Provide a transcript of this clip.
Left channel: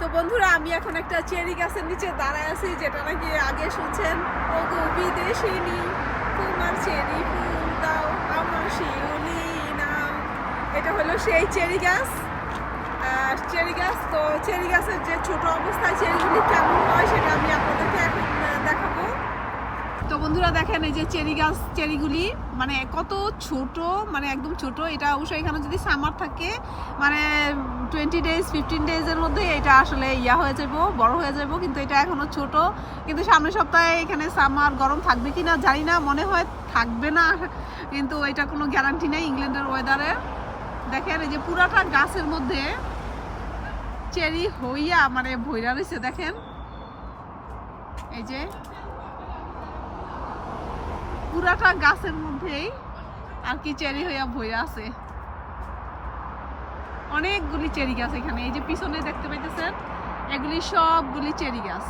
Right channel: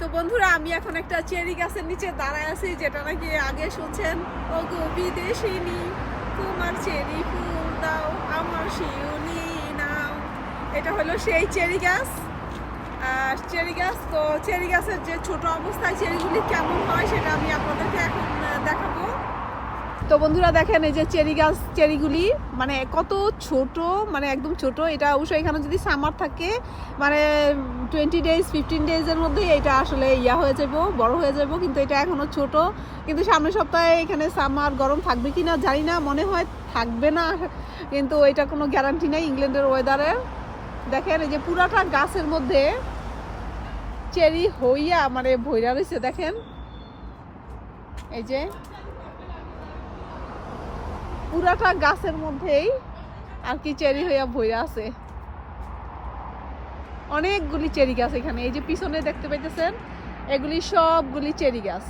তো বন্ধুরা আমি এখন একটা চেরি গাছের নিচে দাঁড়ায় আছি, যেটা নাকি আগে শুনছেন, ও গো বিদেশিনী তোমার চেরি ফুল দাও আমার শিউলি নাও। এটা হলো সেই চেরি গাছ। তো চেরি গাছের যে ছোট অবস্থায় চেরিগুলি কেমন হয় সেটা আমি আপনাদেরকে এখন দেখাবো। তো বন্ধুরা দেখেন, এই যে চেরি গাছ, চেরিগুলি মানে কত ছোট, মানে একদম ছোট। এটা অবশ্যই এখানে যদি সামার থাকে মানে 20 ডেজ 15 ডেজের মধ্যে এটা আসলে হয়ে যাবো, বড় হয়ে যাবো, কিন্তু এটা এখনো ছোট। কিন্তু সামনের সপ্তাহে এখানে সামার গরম থাকবে কিনা জানি না, মনে হয় থাকবে না, কিন্তু এটা কোনো গ্যারান্টি নেই ইংল্যান্ডের ওয়েদারে। দেখেন এই যে পুরাটা গাছের মধ্যে চেরি হইয়া মানে ভইরা রয়েছে, দেখেন এই যে পুরাটা গাছের মধ্যেই আর কি চেরি হইয়া ভইরা আছে। অনেকগুলি চেরি গাছ এখানে, এই যে পিছনে দেখতে পাইতেছেন, এগুলি সবগুলি চেরি গাছ।